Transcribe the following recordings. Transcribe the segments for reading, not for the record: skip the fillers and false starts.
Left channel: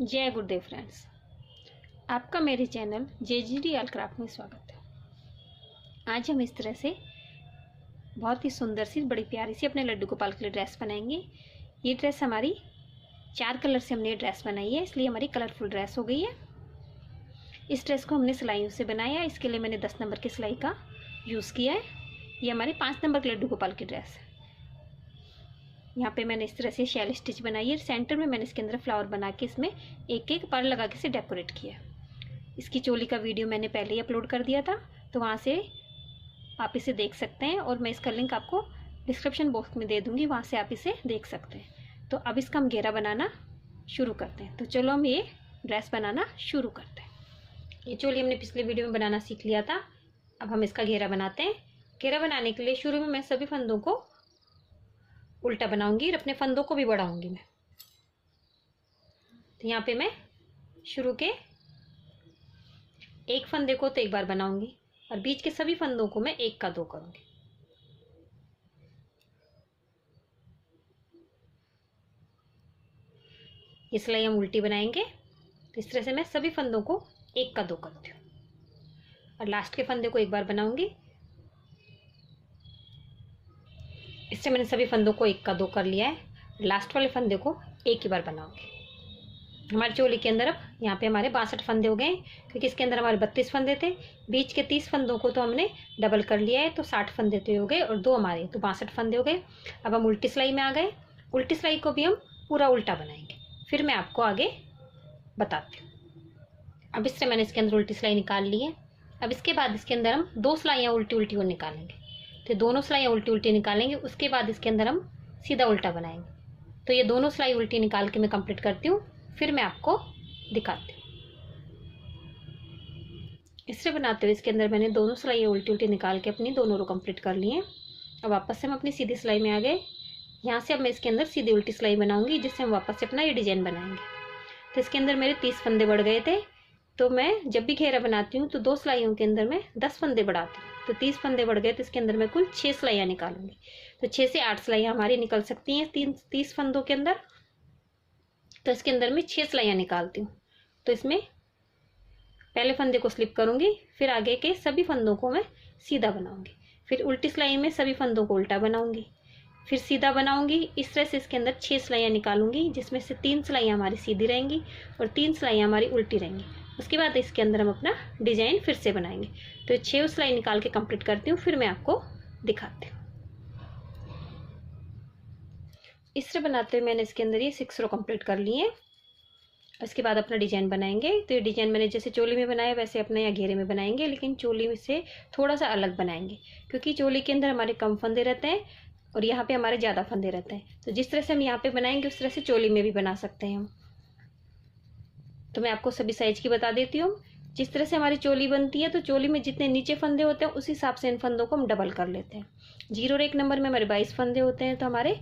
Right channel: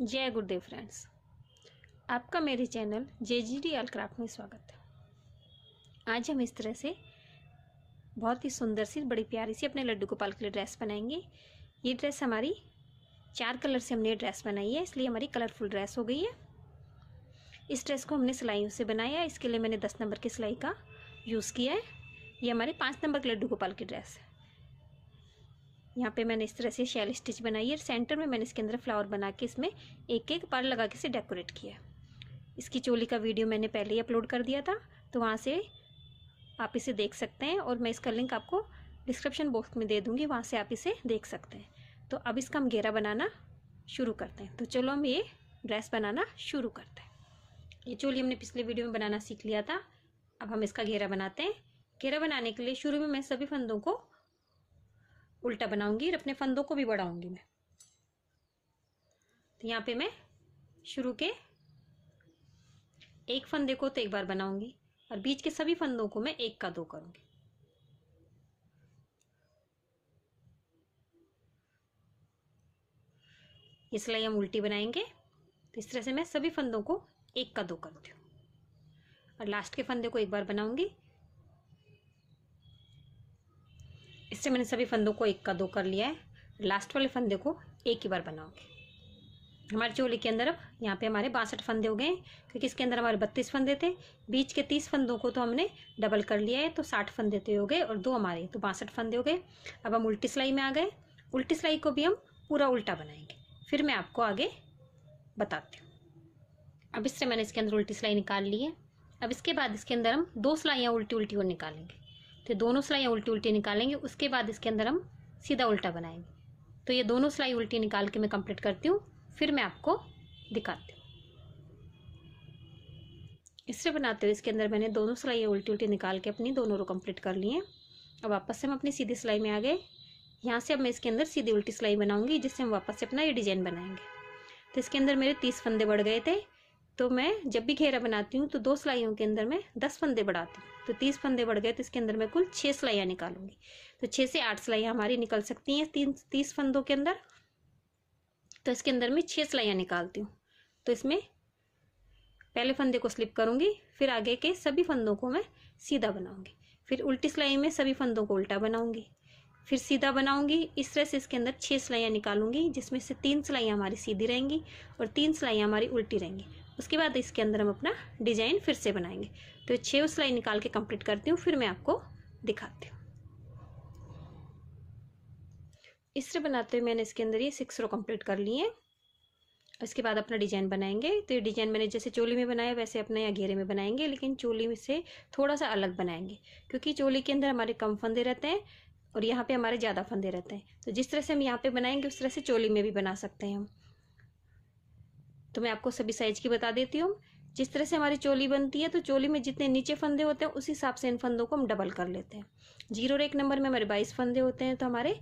जय गुरुदेव फ्रेंड्स, आपका मेरे चैनल JGD ऑल क्राफ्ट में स्वागत है। आज हम इस तरह से बहुत ही सुंदर सी बड़ी प्यारी सी अपने लड्डू गोपाल के लिए ड्रेस बनाएंगे। ये ड्रेस हमारी 4 कलर से हमने ड्रेस बनाई है, इसलिए हमारी कलरफुल ड्रेस हो गई है। इस ड्रेस को हमने सिलाइयों से बनाया है, इसके लिए मैंने 10 नंबर की सिलाई का यूज़ किया है। ये हमारी 5 नंबर के लड्डू गोपाल की ड्रेस है। यहाँ पे मैंने इस तरह से शैल स्टिच बनाई है। सेंटर में मैंने इसके अंदर फ्लावर बना के इसमें एक एक पर्ल लगा के इसे डेकोरेट किया। इसकी चोली का वीडियो मैंने पहले ही अपलोड कर दिया था, तो वहाँ से आप इसे देख सकते हैं और मैं इसका लिंक आपको डिस्क्रिप्शन बॉक्स में दे दूँगी, वहाँ से आप इसे देख सकते हैं। तो अब इसका हम घेरा बनाना शुरू करते हैं। तो चलो हम ये ड्रेस बनाना शुरू करते हैं। ये चोली हमने पिछले वीडियो में बनाना सीख लिया था, अब हम इसका घेरा बनाते हैं। घेरा बनाने के लिए शुरू में मैं सभी फंदों को उल्टा बनाऊंगी और अपने फंदों को भी बढ़ाऊंगी मैं। तो यहाँ पे मैं शुरू के एक फंदे को तो एक बार बनाऊंगी और बीच के सभी फंदों को मैं एक का दो करूंगी। ये सिलाई हम उल्टी बनाएंगे, तो इस तरह से मैं सभी फंदों को एक का दो करती हूँ और लास्ट के फंदे को एक बार बनाऊंगी। इससे मैंने सभी फंदों को एक का दो कर लिया है। लास्ट वाले फंदे को एक ही बार बनाऊंगी। हमारी चोली के अंदर अब यहाँ पे हमारे 62 फंदे हो गए, क्योंकि इसके अंदर हमारे 32 फंदे थे। बीच के 30 फंदों को तो हमने डबल कर लिया है, तो 60 फंदे तो हो गए और दो हमारे, तो 62 फंदे हो गए। अब हम उल्टी सिलाई में आ गए। उल्टी सिलाई को भी हम पूरा उल्टा बनाएंगे, फिर मैं आपको आगे बताती हूँ। अब इससे मैंने इसके अंदर उल्टी सिलाई निकाल ली है। अब इसके बाद इसके अंदर हम दो सिलाइयाँ उल्टी उल्टी और निकालेंगे। तो दोनों सिलाइयाँ उल्टी उल्टी निकालेंगे, उसके बाद इसके अंदर हम सीधा उल्टा बनाएंगे। तो ये दोनों सिलाई उल्टी निकाल के मैं कंप्लीट करती हूँ, फिर मैं आपको दिखाती हूँ। इससे बनाते हुए इसके अंदर मैंने दोनों सिलाइयाँ उल्टी उल्टी निकाल के अपनी दोनों रो कंप्लीट कर लिए हैं। अब वापस से हम अपनी सीधी सिलाई में आ गए। यहाँ से अब मैं इसके अंदर सीधी उल्टी सिलाई बनाऊंगी, जिससे हम वापस से अपना ये डिजाइन बनाएंगे। तो इसके अंदर मेरे 30 फंदे बढ़ गए थे, तो मैं जब भी घेरा बनाती हूँ तो दो सिलाइयों के अंदर मैं 10 फंदे बढ़ाती हूँ। तो 30 फंदे बढ़ गए, तो इसके अंदर मैं कुल 6 सिलाइयाँ निकालूंगी। तो 6 से 8 सिलाइयाँ हमारी निकल सकती हैं 30 फंदों के अंदर। तो इसके अंदर मैं 6 सिलाइयाँ निकालती हूँ। तो इसमें पहले फंदे को स्लिप करूंगी, फिर आगे के सभी फंदों को मैं सीधा बनाऊंगी, फिर उल्टी सिलाई में सभी फंदों को उल्टा बनाऊंगी, फिर सीधा बनाऊंगी। इस तरह से इसके अंदर 6 सिलाइयाँ निकालूंगी, जिसमें से 3 सिलाइयाँ हमारी सीधी रहेंगी और 3 सिलाइयाँ हमारी उल्टी रहेंगी। उसके बाद इसके अंदर हम अपना डिजाइन फिर से बनाएंगे। तो 6 सिलाई निकाल के कंप्लीट करती हूँ, फिर मैं आपको दिखाती हूँ। इस तरह बनाते हुए मैंने इसके अंदर ये 6 रो कंप्लीट कर ली है। उसके बाद अपना डिजाइन बनाएंगे। तो ये डिजाइन मैंने जैसे चोली में बनाया वैसे अपने या घेरे में बनाएंगे, लेकिन चोली में से थोड़ा सा अलग बनाएंगे, क्योंकि चोली के अंदर हमारे कम फंदे रहते हैं और यहाँ पे हमारे ज़्यादा फंदे रहते हैं। तो जिस तरह से हम यहाँ पे बनाएंगे उस तरह से चोली में भी बना सकते हैं हम। तो मैं आपको सभी साइज की बता देती हूँ। जिस तरह से हमारी चोली बनती है, तो चोली में जितने नीचे फंदे होते हैं उस हिसाब से इन फंदों को हम डबल कर लेते हैं। 0 और 1 नंबर में हमारे 22 फंदे होते हैं, तो हमारे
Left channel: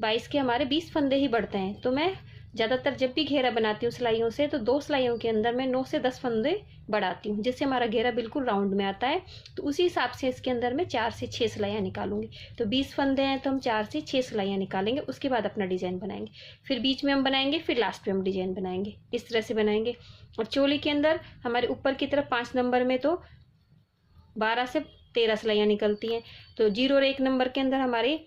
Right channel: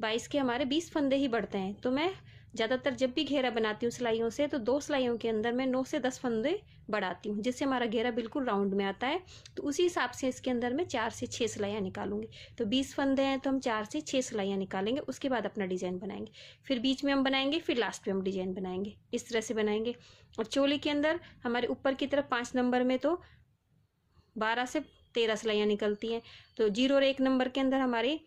22 के हमारे 20 फंदे ही बढ़ते हैं। तो मैं ज़्यादातर जब भी घेरा बनाती हूँ सिलाइयों से, तो 2 सिलाइयों के अंदर मैं 9 से 10 फंदे बढ़ाती हूँ, जिससे हमारा घेरा बिल्कुल राउंड में आता है। तो उसी हिसाब से इसके अंदर मैं 4 से 6 सिलाइयाँ निकालूंगी। तो 20 फंदे हैं तो हम 4 से 6 सिलाइयाँ निकालेंगे, उसके बाद अपना डिजाइन बनाएंगे। फिर बीच में हम बनाएंगे, फिर लास्ट में हम डिजाइन बनाएंगे। इस तरह से बनाएंगे। और चोली के अंदर हमारे ऊपर की तरफ 5 नंबर में तो 12 से 13 सिलाइयाँ निकलती हैं। तो 0 और 1 नंबर के अंदर हमारे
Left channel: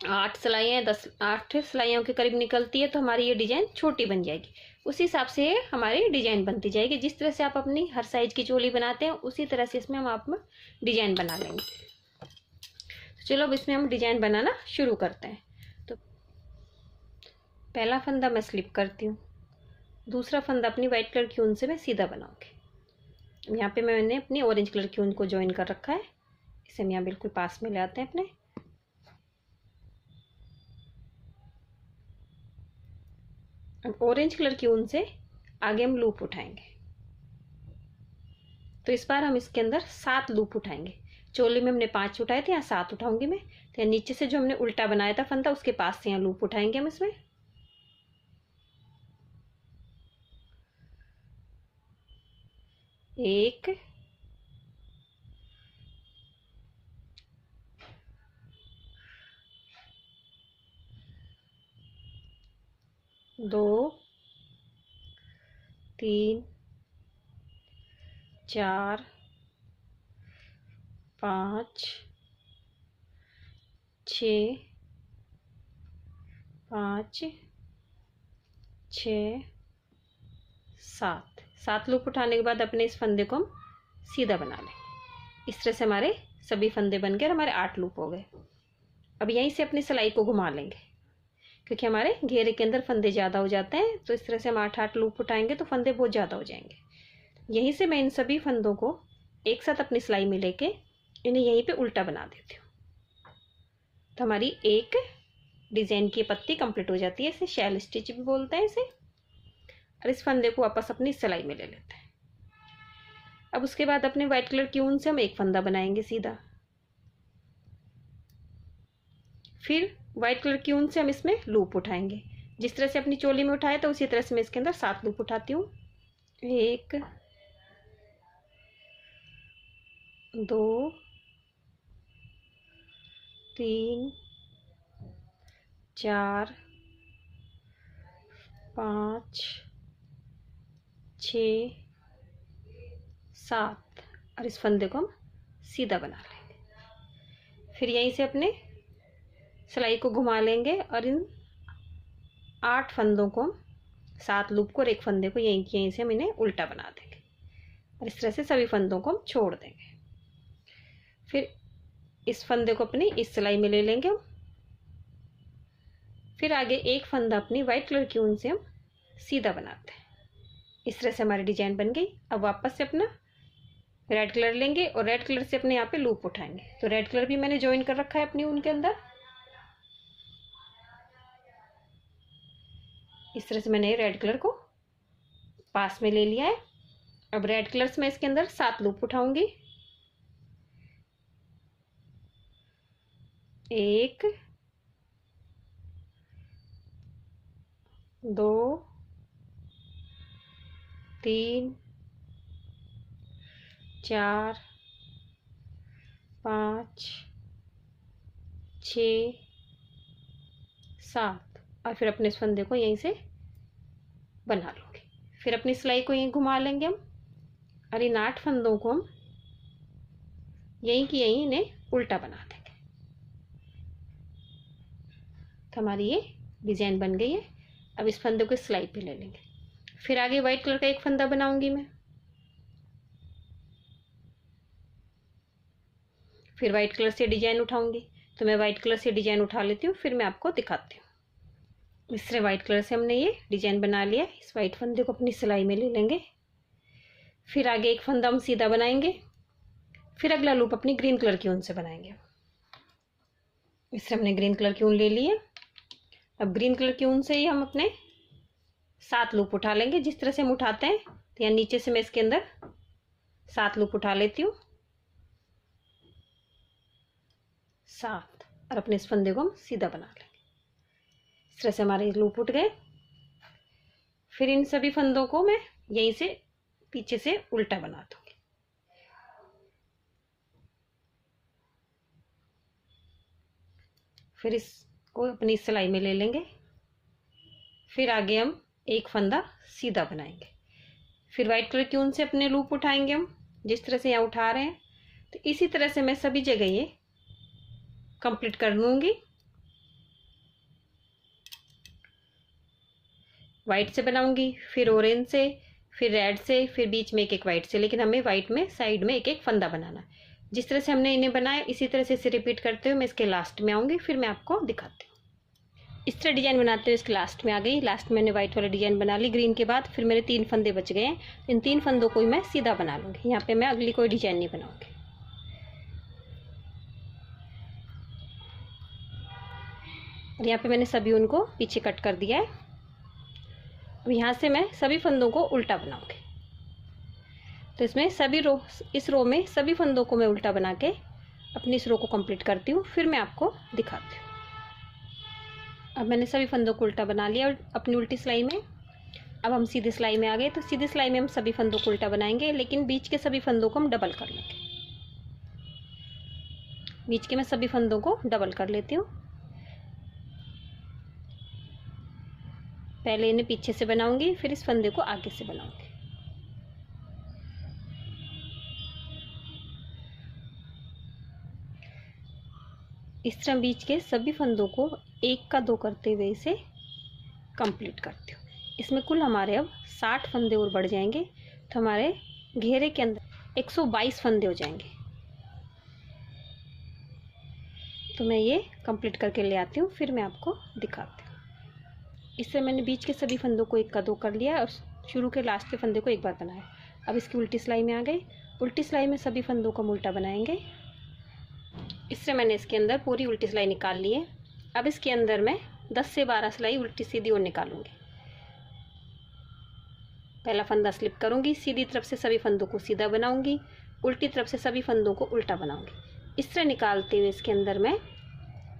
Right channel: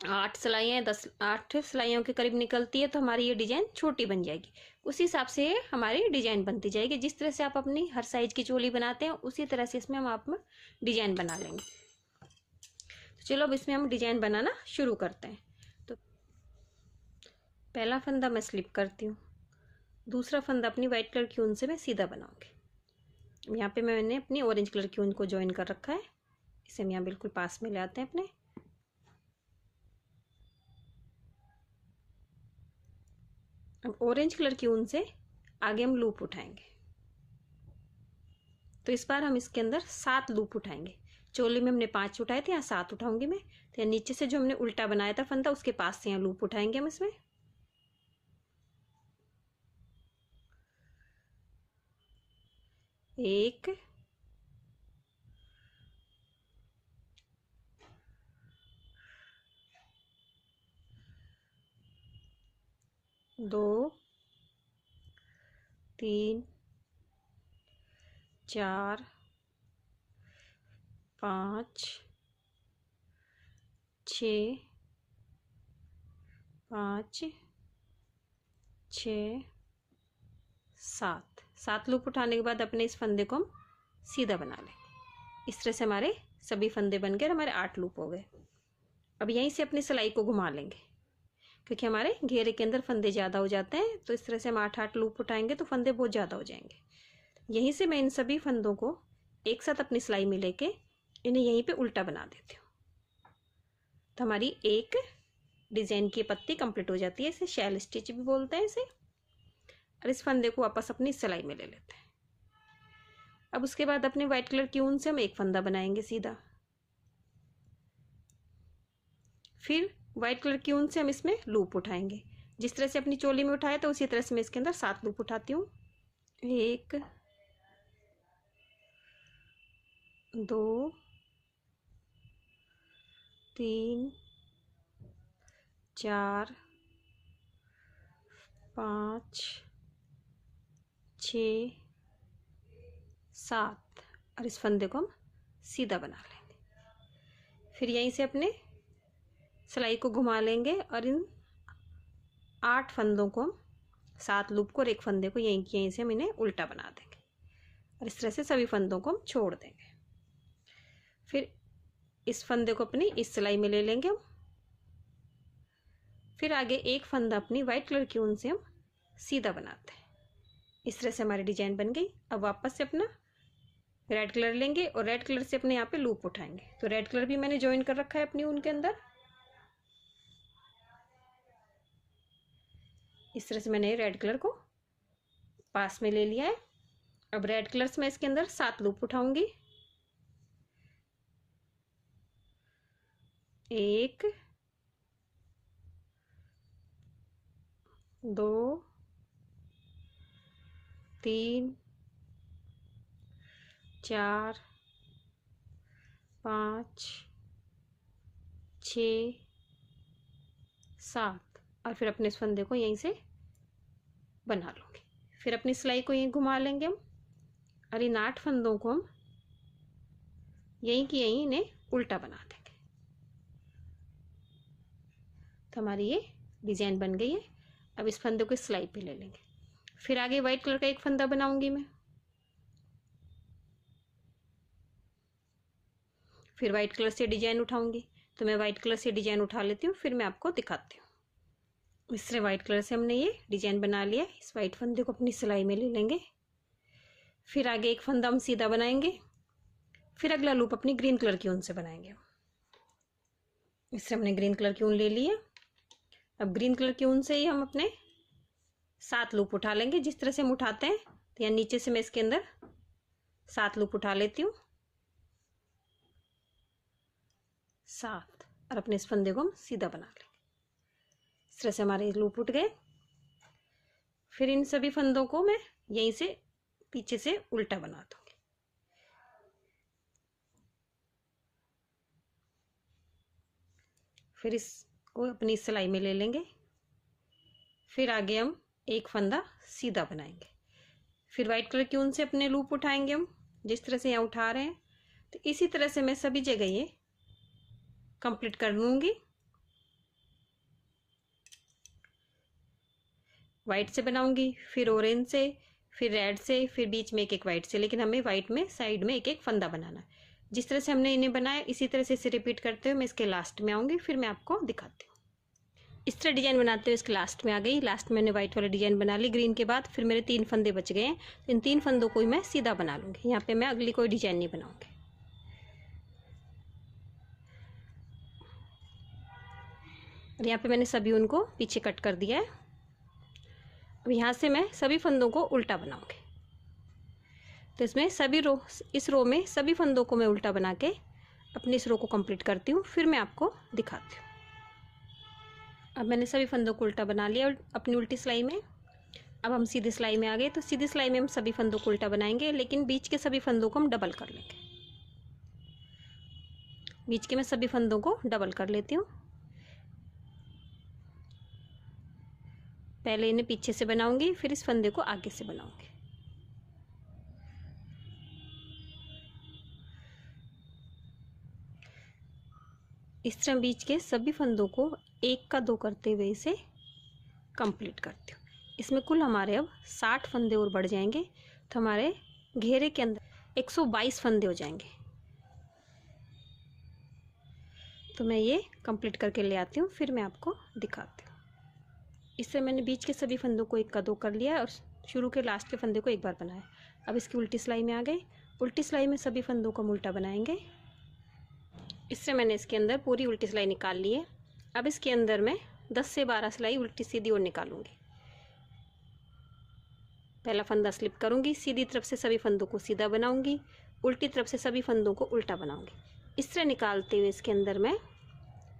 8 सिलाइयाँ 8 सिलाइयों के करीब निकलती है, तो हमारी ये डिजाइन छोटी बन जाएगी। उसी हिसाब से हमारी डिजाइन बनती जाएगी। जिस तरह से आप अपनी हर साइज की चोली बनाते हैं, उसी तरह से इसमें हम आप डिजाइन बना लेंगे। तो चलो अब इसमें हम डिजाइन बनाना शुरू करते हैं। तो पहला फंदा मैं स्लिप करती हूँ, दूसरा फंदा अपनी व्हाइट कलर की ऊन से मैं सीधा बनाऊंगी। यहाँ पे मैंने अपनी ऑरेंज कलर की ऊन को ज्वाइन कर रखा है, इसे हम यहाँ बिल्कुल पास में ले आते हैं अपने। ऑरेंज कलर की ऊन से आगे हम लूप उठाएंगे। तो इस बार हम इसके अंदर 7 लूप उठाएंगे। चोली में हमने 5 उठाए थे, यहाँ 7 उठाऊंगी मैं। तो नीचे से जो हमने उल्टा बनाया था फंदा, उसके पास से यहाँ लूप उठाएंगे हम इसमें। एक, दो, 3 4 5 6 5 6 7 लूप उठाने के बाद अपने इस फंदे को हम सीधा बना लेंगे। इस तरह से हमारे सभी फंदे बन गए और हमारे 8 लूप हो गए। अब यहीं से अपनी सिलाई को घुमा लेंगे, क्योंकि हमारे घेरे के अंदर फंदे ज़्यादा हो जाते हैं। तो इस तरह से हम 8 लूप उठाएंगे तो फंदे बहुत ज़्यादा हो जाएंगे। यहीं से मैं इन सभी फंदों को एक साथ अपनी सिलाई में लेके इन्हें यहीं पे उल्टा बना देती हूँ। तो हमारी एक डिजाइन की पत्ती कंप्लीट हो जाती है। इसे शैल स्टिच भी बोलते हैं इसे। और इस फंदे को वापस अपनी सिलाई में ले लेते हैं। अब उसके बाद अपने व्हाइट कलर की ऊन से हम एक फंदा बनाएंगे सीधा। फिर व्हाइट कलर की ऊन से हम इसमें लूप उठाएंगे। जिस तरह से अपनी चोली में उठाए तो उसी तरह से मैं इसके अंदर 7 लूप उठाती हूँ। 1 2 3 4 5 6 7 और इस फंदे को हम सीधा बना लेंगे। फिर यहीं से अपने सिलाई को घुमा लेंगे और इन 8 फंदों को, 7 लूप को और एक फंदे को यहीं से हम इन्हें उल्टा बना देंगे। और इस तरह से सभी फंदों को हम छोड़ देंगे। फिर इस फंदे को अपनी इस सिलाई में ले लेंगे हम। फिर आगे एक फंदा अपनी व्हाइट कलर की ऊन से हम सीधा बनाते हैं। इस तरह से हमारी डिजाइन बन गई। अब वापस से अपना रेड कलर लेंगे और रेड कलर से अपने यहाँ पे लूप उठाएंगे। तो रेड कलर भी मैंने ज्वाइन कर रखा है अपनी ऊन के अंदर। इस तरह से मैंने रेड कलर को पास में ले लिया है। अब रेड कलर से मैं इसके अंदर 7 लूप उठाऊंगी। 1 2 3 4 5 6 7 और फिर अपने इस फंदे को यहीं से बना लूँगी। फिर अपनी सिलाई को यहीं घुमा लेंगे हम और इन 8 फंदों को हम यहीं की यहीं इन्हें उल्टा बना देंगे। तो हमारी ये डिजाइन बन गई है। अब इस फंदे को सिलाई पे ले लेंगे। फिर आगे व्हाइट कलर का एक फंदा बनाऊंगी मैं। फिर व्हाइट कलर से डिजाइन उठाऊंगी। तो मैं व्हाइट कलर से डिजाइन उठा लेती हूँ, फिर मैं आपको दिखाती हूँ। इस तरह व्हाइट कलर से हमने ये डिजाइन बना लिया। इस व्हाइट फंदे को अपनी सिलाई में ले लेंगे। फिर आगे एक फंदा हम सीधा बनाएंगे। फिर अगला लूप अपनी ग्रीन कलर की ऊन से बनाएंगे। इस तरह हमने ग्रीन कलर की ऊन ले ली है। अब ग्रीन कलर की ऊन से ही हम अपने 7 लूप उठा लेंगे। जिस तरह से हम उठाते हैं, तो यहाँ नीचे से मैं इसके अंदर 7 लूप उठा लेती हूँ। 7 और अपने इस फंदे को हम सीधा बना लेंगे। इस तरह से हमारे लूप उठ गए। फिर इन सभी फंदों को मैं यहीं से पीछे से उल्टा बना दूंगी। फिर इसको अपनी सिलाई में ले लेंगे। फिर आगे हम एक फंदा सीधा बनाएंगे। फिर व्हाइट कलर की ऊन से अपने लूप उठाएंगे हम, जिस तरह से यहाँ उठा रहे हैं। तो इसी तरह से मैं सभी जगह ये कंप्लीट कर लूंगी। व्हाइट से बनाऊंगी, फिर ऑरेंज से, फिर रेड से, फिर बीच में एक एक व्हाइट से। लेकिन हमें व्हाइट में साइड में एक एक फंदा बनाना। जिस तरह से हमने इन्हें बनाया, इसी तरह से इसे रिपीट करते हुए मैं इसके लास्ट में आऊँगी। फिर मैं आपको दिखाती हूँ। इस तरह डिजाइन बनाते हुए इसके लास्ट में आ गई। लास्ट में मैंने व्हाइट वाला डिजाइन बना ली ग्रीन के बाद। फिर मेरे 3 फंदे बच गए हैं। इन 3 फंदों को ही मैं सीधा बना लूँगी। यहाँ पे मैं अगली कोई डिजाइन नहीं बनाऊँगी। और यहाँ पे मैंने सभी उनको पीछे कट कर दिया है। अब यहाँ से मैं सभी फंदों को उल्टा बनाऊँगी। तो इसमें सभी रो, इस रो में सभी फंदों को मैं उल्टा बना के अपनी इस रो को कंप्लीट करती हूँ। फिर मैं आपको दिखाती हूँ। अब मैंने सभी फंदों को उल्टा बना लिया अपनी उल्टी सिलाई में। अब हम सीधी सिलाई में आ गए। तो सीधी सिलाई में हम सभी फंदों को उल्टा बनाएंगे, लेकिन बीच के सभी फंदों को हम डबल कर लेंगे। बीच के मैं सभी फंदों को डबल कर लेती हूँ। पहले इन्हें पीछे से बनाऊंगी, फिर इस फंदे को आगे से बनाऊंगी। इस तरह बीच के सभी फंदों को एक का दो करते हुए इसे कंप्लीट करती हूँ। इसमें कुल हमारे अब 60 फंदे और बढ़ जाएंगे, तो हमारे घेरे के अंदर 122 फंदे हो जाएंगे। तो मैं ये कंप्लीट करके ले आती हूँ, फिर मैं आपको दिखाती हूँ। इससे मैंने बीच के सभी फंदों को एक का दो कर लिया और शुरू के लास्ट के फंदे को एक बार बनाया। अब इसकी उल्टी सिलाई में आ गई। उल्टी सिलाई में सभी फंदों को हम उल्टा बनाएंगे। इससे मैंने इसके अंदर पूरी उल्टी सिलाई निकाल ली है। अब इसके अंदर मैं 10 से 12 सिलाई उल्टी सीधी और निकालूंगी। पहला फंदा स्लिप करूंगी, सीधी तरफ से सभी फंदों को सीधा बनाऊंगी, उल्टी तरफ से सभी फंदों को उल्टा बनाऊंगी। इस तरह निकालते हुए इसके अंदर मैं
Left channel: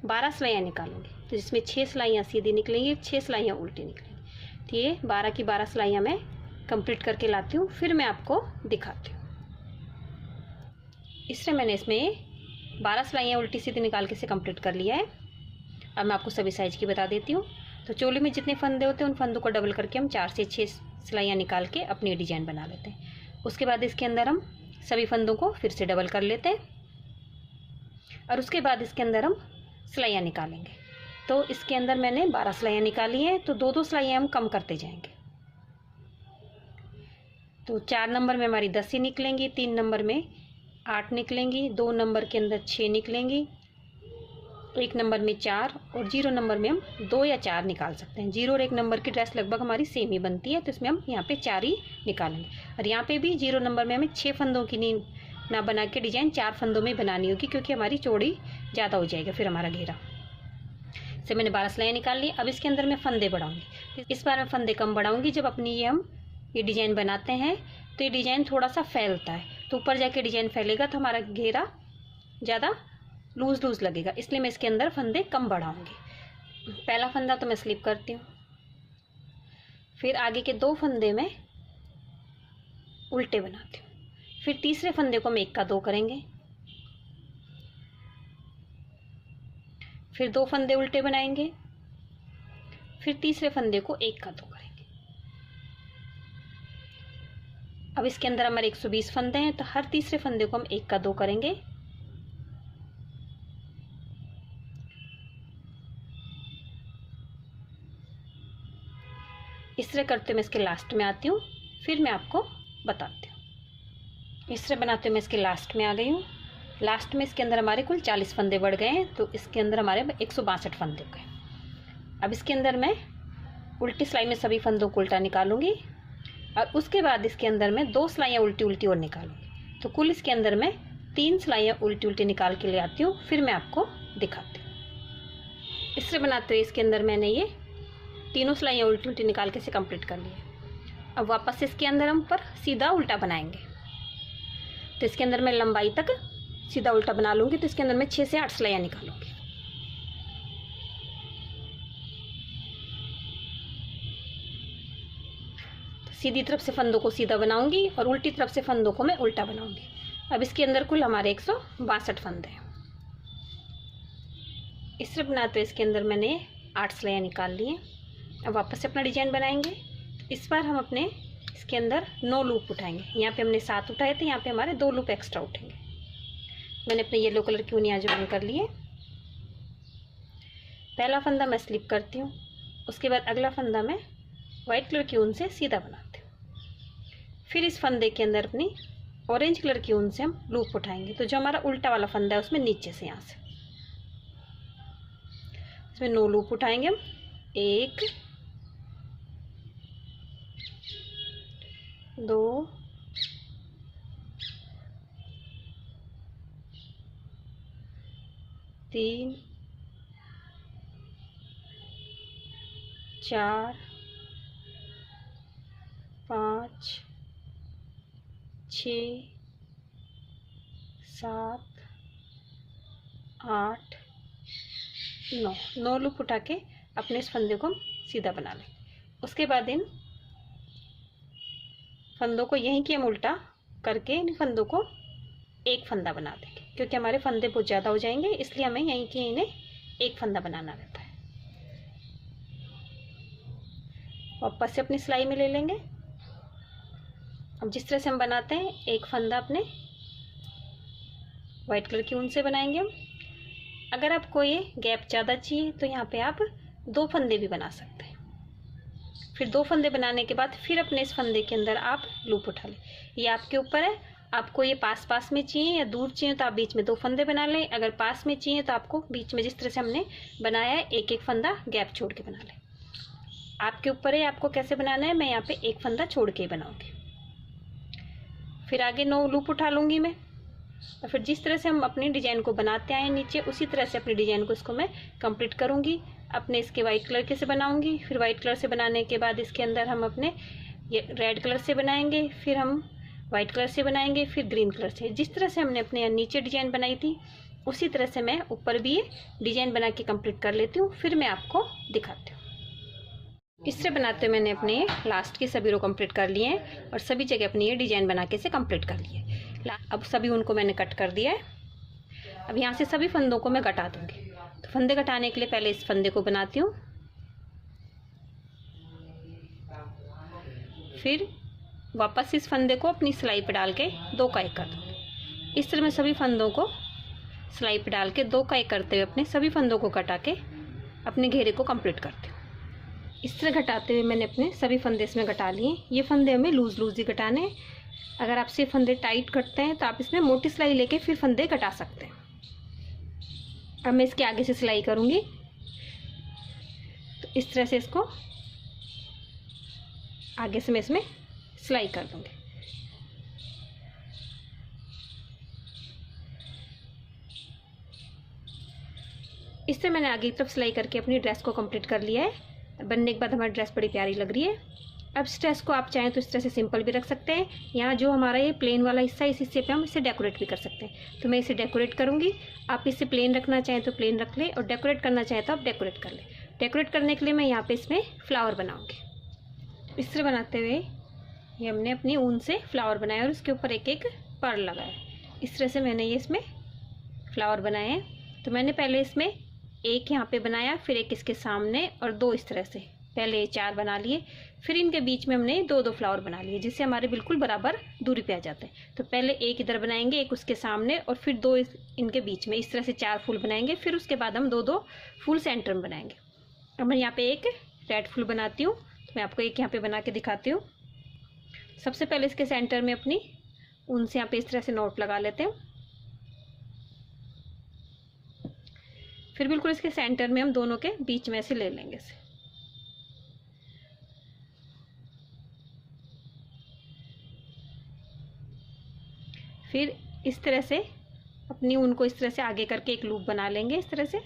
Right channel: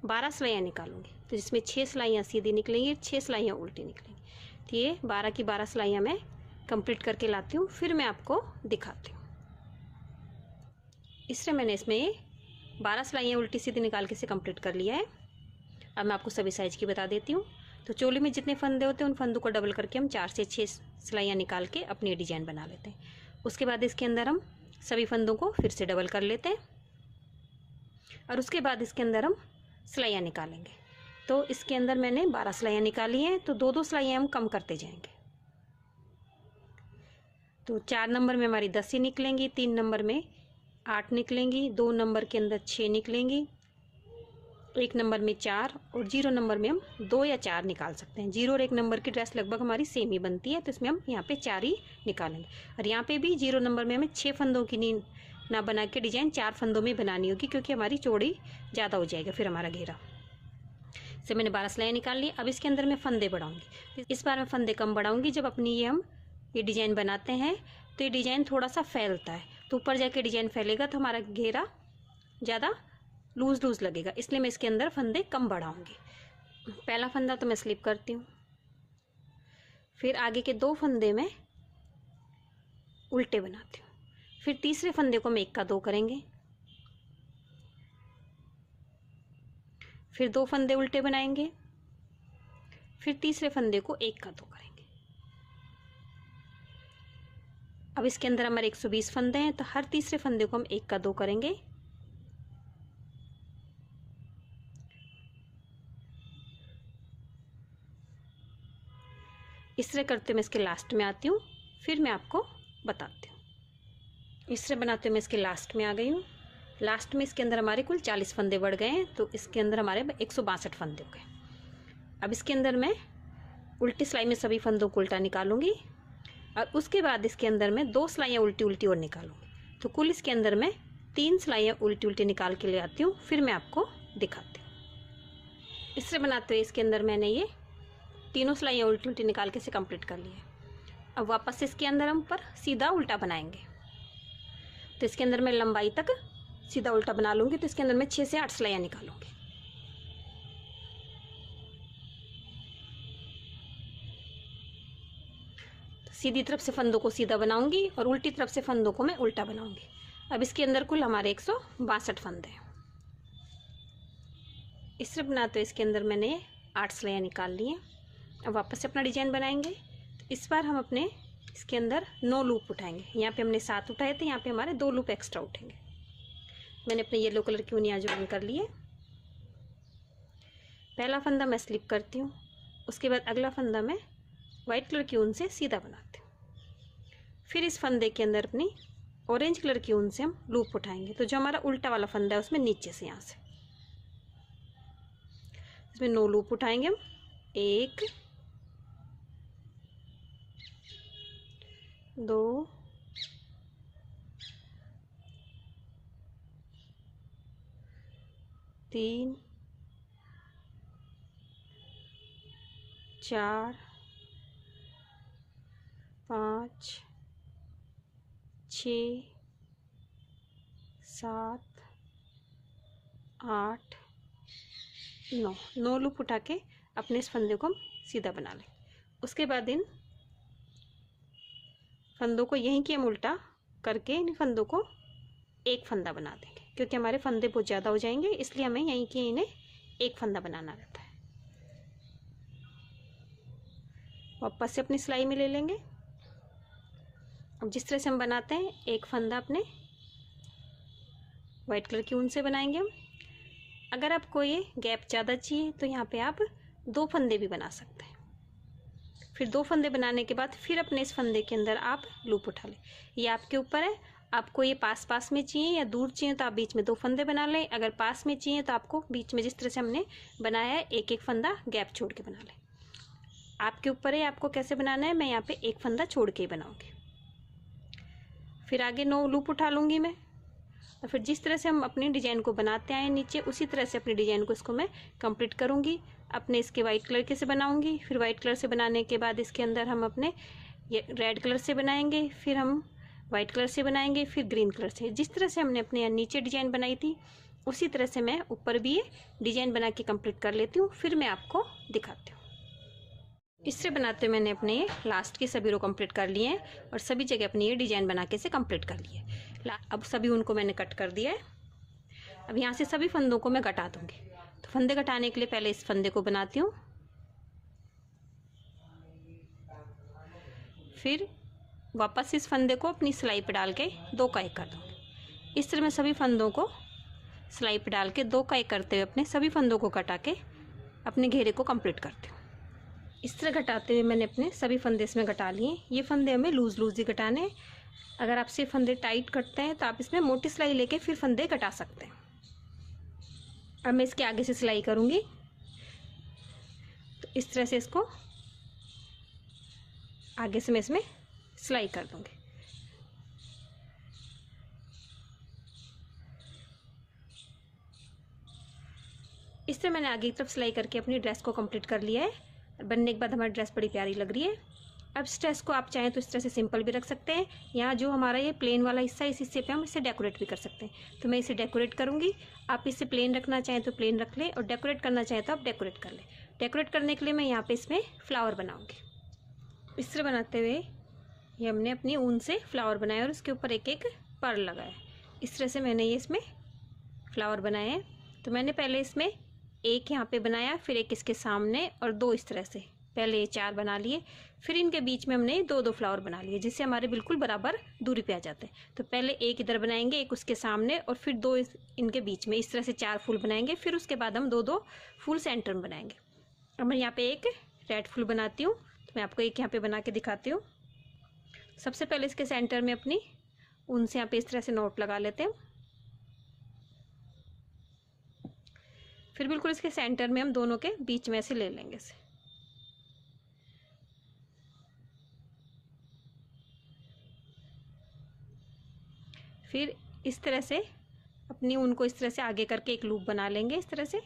12 सिलाइयाँ निकालूंगी, तो जिसमें 6 सिलाइयाँ सीधी निकलेंगी, 6 सिलाइयाँ उल्टी निकलेंगी। तो ये 12 की 12 सिलाइयाँ मैं कंप्लीट करके लाती हूँ, फिर मैं आपको दिखाती हूँ। इससे मैंने इसमें 12 सिलाइयाँ उल्टी सीधी निकाल के इसे कंप्लीट कर लिया है। अब मैं आपको सभी साइज़ की बता देती हूँ। तो चोली में जितने फंदे होते हैं उन फंदों को डबल करके हम 4 से 6 सिलाइयाँ निकाल के अपनी डिजाइन बना लेते हैं। उसके बाद इसके अंदर हम सभी फंदों को फिर से डबल कर लेते हैं और उसके बाद इसके अंदर हम सिलाइयाँ निकालेंगे। तो इसके अंदर मैंने 12 सिलाइयाँ निकाली हैं, तो 2-2 सिलाइयाँ हम कम करते जाएंगे। तो 4 नंबर में हमारी 10 ही निकलेंगी, 3 नंबर में 8 निकलेंगी, 2 नंबर के अंदर 6 निकलेंगी, 1 नंबर में 4 और 0 नंबर में हम 2 या 4 निकाल सकते हैं। 0 और 1 नंबर की ड्रेस लगभग हमारी सेम ही बनती है, तो इसमें हम यहाँ पे 4 ही निकालेंगे। और यहाँ पे भी 0 नंबर में हमें 6 फंदों की ना बना के डिजाइन 4 फंदों में बनानी होगी, क्योंकि हमारी चौड़ी ज़्यादा हो जाएगा फिर हमारा घेरा। से मैंने 12 सिलाइयाँ निकाल ली। अब इसके अंदर मैं फंदे बढ़ाऊँगी। इस बार मैं फंदे कम बढ़ाऊँगी। जब अपनी ये डिजाइन बनाते हैं तो ये डिजाइन थोड़ा सा फैलता है, तो ऊपर जाके डिजाइन फैलेगा तो हमारा घेरा ज़्यादा लूज लगेगा, इसलिए मैं इसके अंदर फंदे कम बढ़ाऊंगी। पहला फंदा तो मैं स्लिप करती हूँ, फिर आगे के 2 फंदे में उल्टे बनाती हूँ, फिर तीसरे फंदे को हम 1 का 2 करेंगे, फिर 2 फंदे उल्टे बनाएंगे, फिर तीसरे फंदे को 1 का 2 करेंगे। अब इसके अंदर हमारे 120 फंदे हैं, तो हर तीसरे फंदे को हम 1 का 2 करेंगे। इस तरह करते मैं इसके लास्ट में आती हूँ, फिर मैं आपको बताती हूँ। इस तरह बनाते मैं इसके लास्ट में आ गई हूँ। लास्ट में इसके अंदर हमारे कुल 40 फंदे बढ़ गए हैं, तो इसके अंदर हमारे 162 फंदे हो गए। अब इसके अंदर मैं उल्टी सिलाई में सभी फंदों को उल्टा निकालूंगी और उसके बाद इसके अंदर मैं 2 सिलाइयाँ उल्टी और निकालूंगी। तो कुल इसके अंदर मैं 3 सिलाइयाँ उल्टी निकाल के ले आती हूँ, फिर मैं आपको दिखाती हूँ। इस तरह बनाते हुए इसके अंदर मैंने ये तीनों सिलाइयाँ उल्टी निकाल के इसे कंप्लीट कर लिया। अब वापस इसके अंदर हम पर सीधा उल्टा बनाएंगे। तो इसके अंदर मैं लंबाई तक सीधा उल्टा बना लूँगी, तो इसके अंदर मैं 6 से 8 सिलाइयाँ निकालूंगी। सीधी तरफ से फंदों को सीधा बनाऊंगी और उल्टी तरफ से फंदों को मैं उल्टा बनाऊंगी। अब इसके अंदर कुल हमारे 162 फंदे हैं। इस तरह बनाते हुए इसके अंदर मैंने 8 सिलाइयाँ निकाल ली हैं। अब वापस से अपना डिजाइन बनाएंगे। इस बार हम अपने इसके अंदर 9 लूप उठाएंगे। यहाँ पे हमने 7 उठाए थे, यहाँ पे हमारे 2 लूप एक्स्ट्रा उठेंगे। मैंने अपने येलो कलर की ऊनी आज बंद कर लिए। पहला फंदा मैं स्लिप करती हूँ, उसके बाद अगला फंदा मैं वाइट कलर की ऊन से सीधा बनाती हूँ। फिर इस फंदे के अंदर अपनी ऑरेंज कलर की ऊन से हम लूप उठाएंगे। तो जो हमारा उल्टा वाला फंदा है उसमें नीचे से यहाँ से इसमें 9 लूप उठाएंगे हम। 1 2 3 4 5 6 7 8 9 लूप उठा के अपने इस फंदे को हम सीधा बना लें। उसके बाद इन फंदों को यहीं के हम उल्टा करके इन फंदों को एक फंदा बना देंगे, क्योंकि हमारे फंदे बहुत ज़्यादा हो जाएंगे, इसलिए हमें यहीं के इन्हें एक फंदा बनाना रहता है। वापस से अपनी सिलाई में ले लेंगे। अब जिस तरह से हम बनाते हैं, एक फंदा अपने वाइट कलर की ऊन से बनाएंगे हम, अगर आपको ये गैप ज़्यादा चाहिए तो यहाँ पे आप 2 फंदे भी बना सकते हैं। फिर 2 फंदे बनाने के बाद फिर अपने इस फंदे के अंदर आप लूप उठा लें। ये आपके ऊपर है, आपको ये पास पास में चाहिए या दूर चाहिए तो आप बीच में 2 फंदे बना लें। अगर पास में चाहिए तो आपको बीच में जिस तरह से हमने बनाया है एक एक फंदा गैप छोड़ के बना लें। आपके ऊपर है आपको कैसे बनाना है, मैं यहाँ पे एक फंदा छोड़ के ही बनाऊंगी। फिर आगे 9 लूप उठा लूंगी मैं, और फिर जिस तरह से हम अपनी डिजाइन को बनाते आए नीचे उसी तरह से अपनी डिजाइन को इसको मैं कंप्लीट करूंगी। अपने इसके वाइट कलर के से बनाऊंगी, फिर वाइट कलर से बनाने के बाद इसके अंदर हम अपने ये रेड कलर से बनाएंगे, फिर हम वाइट कलर से बनाएंगे, फिर ग्रीन कलर से। जिस तरह से हमने अपने नीचे डिजाइन बनाई थी उसी तरह से मैं ऊपर भी ये डिजाइन बना के कंप्लीट कर लेती हूँ, फिर मैं आपको दिखाती हूँ। इस तरह बनाते हुए मैंने अपने लास्ट के सभी रो कंप्लीट कर लिए हैं और सभी जगह अपनी ये डिजाइन बना के से कंप्लीट कर लिए। अब सभी उनको मैंने कट कर दिया है। अब यहाँ से सभी फंदों को मैं कटा दूंगी। तो फंदे कटाने के लिए पहले इस फंदे को बनाती हूँ, फिर वापस इस फंदे को अपनी सिलाई पे डाल के 2 का 1 कर दूँगी। इस तरह मैं सभी फंदों को सिलाई पे डाल के 2 का 1 करते हुए अपने सभी फंदों को कटा के अपने घेरे को कंप्लीट करती हूँ। इस तरह घटाते हुए मैंने अपने सभी फंदे इसमें घटा लिए। ये फंदे हमें लूज लूज ही घटाने हैं। अगर आपसे फंदे टाइट कटते हैं तो आप इसमें मोटी सिलाई लेके फिर फंदे घटा सकते हैं। अब मैं इसके आगे से सिलाई करूँगी, तो इस तरह से इसको आगे से मैं इसमें सिलाई कर दूँगी। इस तरह मैंने आगे की तरफ सिलाई करके अपनी ड्रेस को कंप्लीट कर लिया है। बनने के बाद हमारी ड्रेस बड़ी प्यारी लग रही है। अब इस ड्रेस को आप चाहें तो इस तरह से सिंपल भी रख सकते हैं। यहाँ जो हमारा ये प्लेन वाला हिस्सा है इस हिस्से पे हम इसे डेकोरेट भी कर सकते हैं। तो मैं इसे डेकोरेट करूँगी। आप इसे प्लेन रखना चाहें तो प्लेन रख लें और डेकोरेट करना चाहें तो आप डेकोरेट कर लें। डेकोरेट करने के लिए मैं यहाँ पे इसमें फ्लावर बनाऊँगी। इस तरह बनाते हुए ये हमने अपनी ऊन से फ्लावर बनाया और उसके ऊपर एक एक पर्ल लगाया। इस तरह से मैंने ये इसमें फ्लावर बनाए हैं। तो मैंने पहले इसमें एक यहाँ पे बनाया, फिर एक इसके सामने और 2 इस तरह से पहले 4 बना लिए। फिर इनके बीच में हमने 2-2 फ्लावर बना लिए जिससे हमारे बिल्कुल बराबर दूरी पे आ जाते हैं। तो पहले एक इधर बनाएंगे, एक उसके सामने और फिर 2 इनके बीच में। इस तरह से 4 फूल बनाएंगे। फिर उसके बाद हम 2-2 फूल सेंटर में बनाएंगे। अब मैं यहाँ पे एक रेड फूल बनाती हूँ, तो मैं आपको एक यहाँ पे बना के दिखाती हूँ। सबसे पहले इसके सेंटर में अपनी ऊन से यहाँ पे इस तरह से नोट लगा लेते हैं। फिर बिल्कुल इसके सेंटर में हम दोनों के बीच में से ले लेंगे इसे। फिर इस तरह से अपनी ऊन को इस तरह से आगे करके एक लूप बना लेंगे इस तरह से।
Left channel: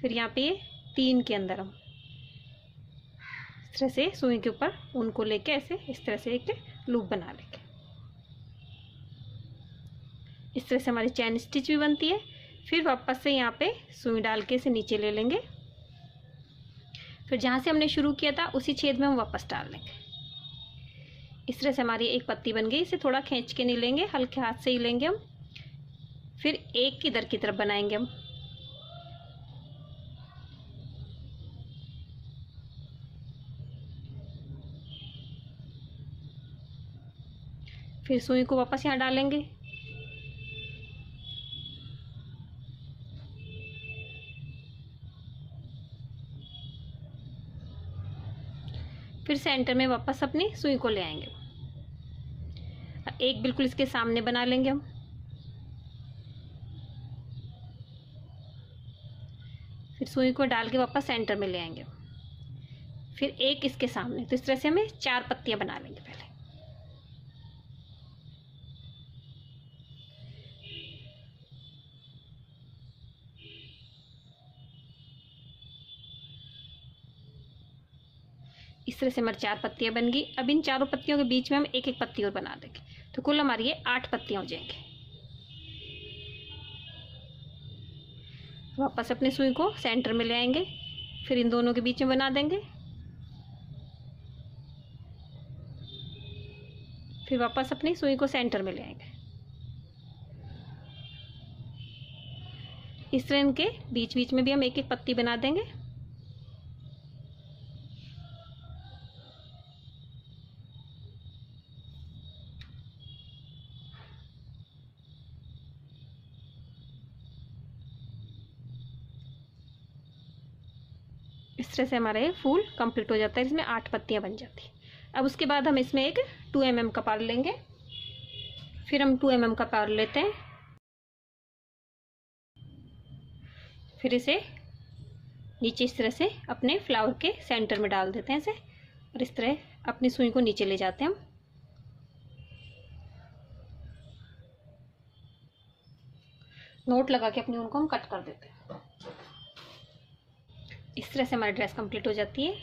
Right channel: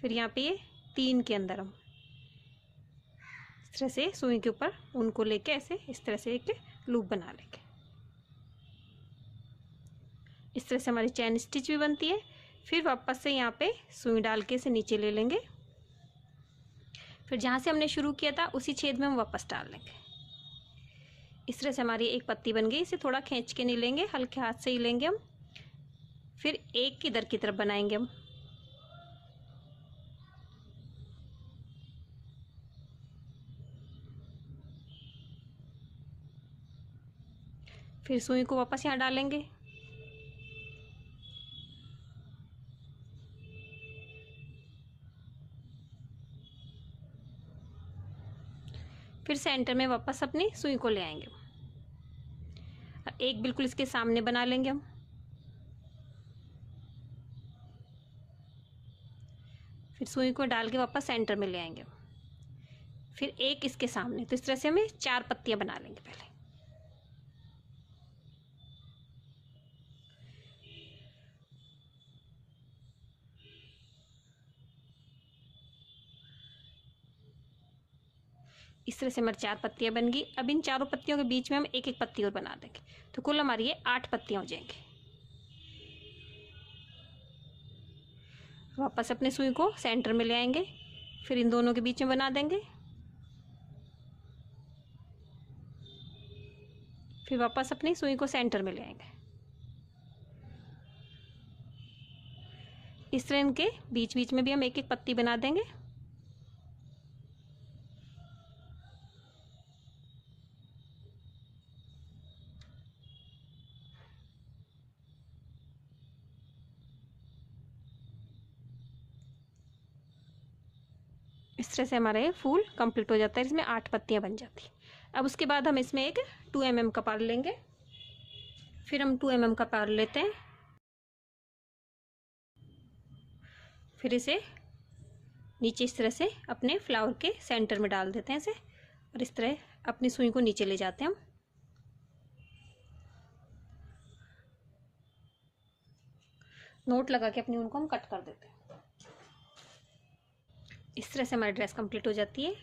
फिर यहाँ पे ये 3 के अंदर हम इस तरह से सुई के ऊपर ऊन को लेके ऐसे इस तरह से एक लूप बना लेंगे। इस तरह से हमारी चैन स्टिच भी बनती है। फिर वापस से यहाँ पे सुई डाल के इसे नीचे ले लेंगे। फिर जहाँ से हमने शुरू किया था उसी छेद में हम वापस डाल लेंगे। इस तरह से हमारी एक पत्ती बन गई। इसे थोड़ा खींच के नहीं लेंगे, हल्के हाथ से ही लेंगे हम। फिर एक इधर की तरफ बनाएंगे हम। फिर सुई को वापस यहाँ डालेंगे। फिर सेंटर में वापस अपनी सुई को ले आएंगे। एक बिल्कुल इसके सामने बना लेंगे हम। फिर सुई को डाल के वापस सेंटर में ले आएंगे। फिर एक इसके सामने। तो इस तरह से हमें 4 पत्तियां बना लेंगे पहले। इस तरह से हमारी 4 पत्तियां बन गई। अब इन चारों पत्तियों के बीच में हम एक एक पत्ती और बना देंगे। तो कुल हमारी ये 8 पत्तियां हो जाएंगी। वापस अपने सुई को सेंटर में ले आएंगे। फिर इन दोनों के बीच में बना देंगे। फिर वापस अपनी सुई को सेंटर में ले आएंगे। इस तरह इनके बीच बीच में भी हम एक एक पत्ती बना देंगे। इस तरह से हमारे फूल कंप्लीट हो जाता है, इसमें 8 पत्तियां बन जाती। अब उसके बाद हम इसमें एक 2 mm का पार लेंगे। फिर हम 2 mm का पार लेते हैं, फिर इसे नीचे इस तरह से अपने फ्लावर के सेंटर में डाल देते हैं इसे, और इस तरह अपनी सुई को नीचे ले जाते हैं हम। नोट लगा के अपनी उनको हम कट कर देते हैं। इस तरह से हमारी ड्रेस कंप्लीट हो जाती है।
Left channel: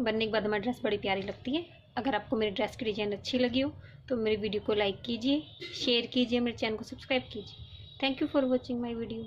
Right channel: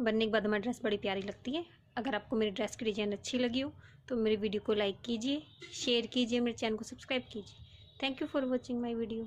बनने के बाद हमारी ड्रेस बड़ी प्यारी लगती है। अगर आपको मेरी ड्रेस की डिज़ाइन अच्छी लगी हो तो मेरी वीडियो को लाइक कीजिए, शेयर कीजिए, मेरे चैनल को सब्सक्राइब कीजिए। Thank you for watching my video.